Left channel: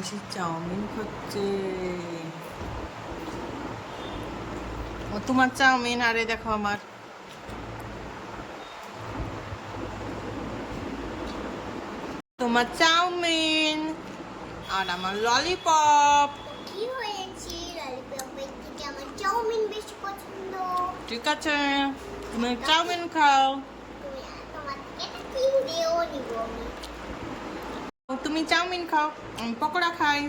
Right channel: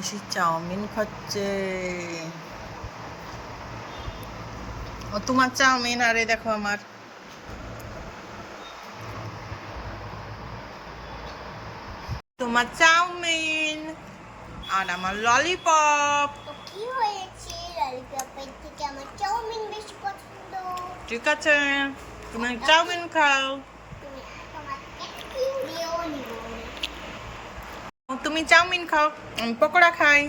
Oishi chowmein খাচ্ছে। ও তোমার chowmein আরে দেখো আমার। তোমার চাউমিন আর আমার ললিপপ। ঠিক আছে তুমি চাউমিন খাও তুমি তোমাকে তিন দিয়েও নিব আমি ও, তুমি চাউমিন খাও আমি পকোড়া খাই।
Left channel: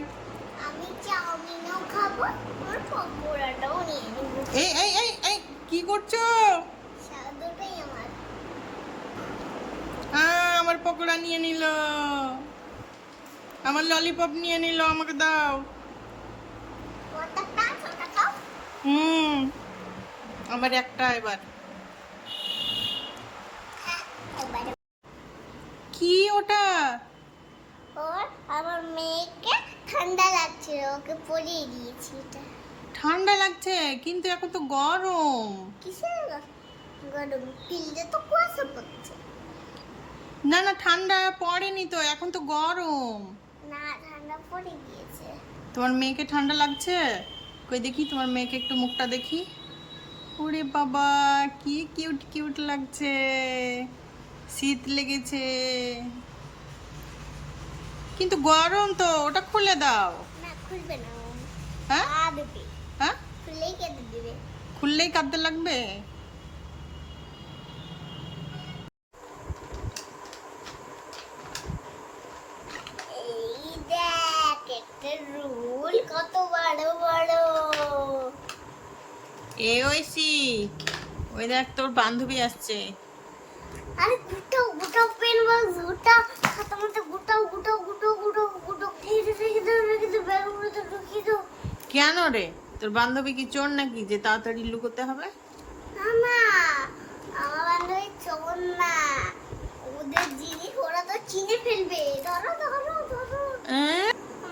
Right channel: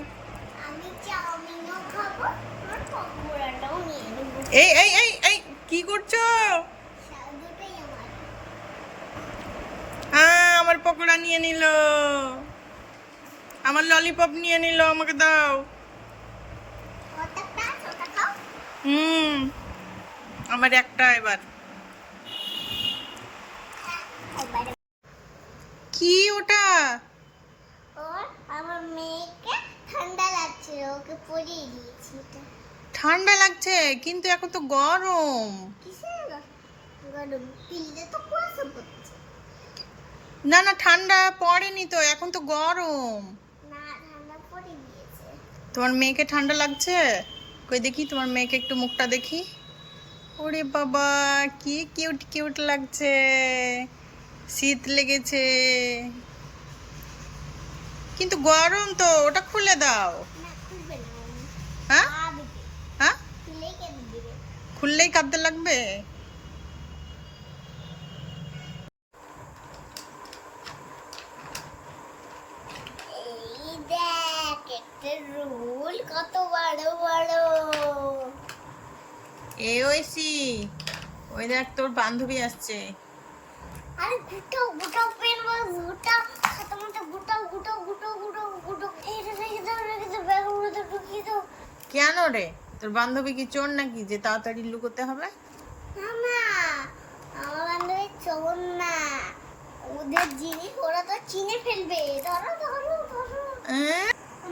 এই এই এই এই কি করছ? আমার। হ্যাঁ আমার পকোড়া নিয়ে নিল। আমার ললিপপ নিয়ে নিল আমাকে দাও। হুম আমার একটা এবার কি ওটা? আমার মেয়েকে ঠান্ডা লাগছিল ওকে পরিয়ে দিয়েছি ঠান্ডা লাগছে কিন্তু এখন তো গরম। কিসের গরম? ফিল্ডে তো কুয়াশা পড়ছে। না না ঠান্ডা পড়েনি তো এখন তো গরম। না ঠান্ডা পড়ে গিয়েছে। তোমার মেয়েকে ঠান্ডা লাগছে? কই দেখি তোমার মেয়েকে একটু মুখটা দেখি। ওরে বাবা কি কিউট কিউট লাগছে। শীত লেগেছে। কিন্তু গরম তো ওটা খুলে দাও। হ্যাঁ? হ্যাঁ? খুললেই কাঁদতে লাগবে? এ ঐশি ওই দেখ তোর বান্ধবী আসছে। আরে কেন রে? তোর বান্ধবী কি চোর নাকি? যে তাড়াতাড়ি লুকোতে হবে? ওদের জিনিস ওরা তো চিনে ফেলবে। ধরো ধরো ধরো।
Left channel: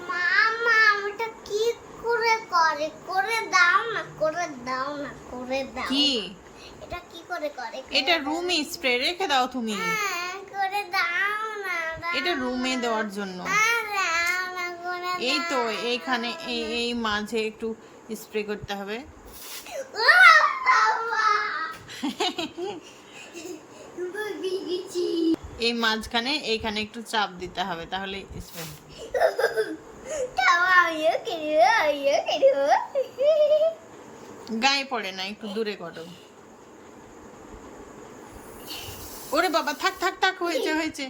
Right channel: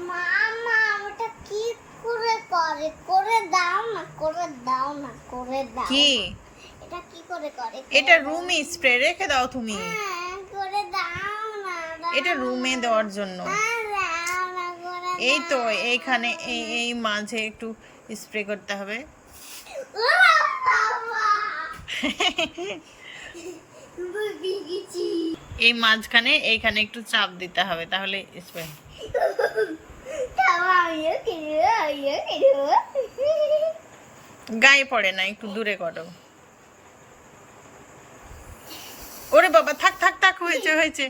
মামা ওটা কি করে করে? করে দাও না করে দাও না করে দাও কি? এটা কি করে করে? এটা রুমে স্প্রে রেখে দাও তুমি। হ্যাঁ, করে দাও না এটা রুমে দেওয়ার জন্য। করে এই তো, এইখানে এই এই মাঝে একটু স্প্রে করতে হবে। এই মাঝখানে, এইখানে একটু চাপ দিতে হবে, তাহলে স্প্রে। গায়ে পড়ে না, একটু দূরে করো ওরে বাবা, থাক থাক থাক, হয়েছে হয়েছে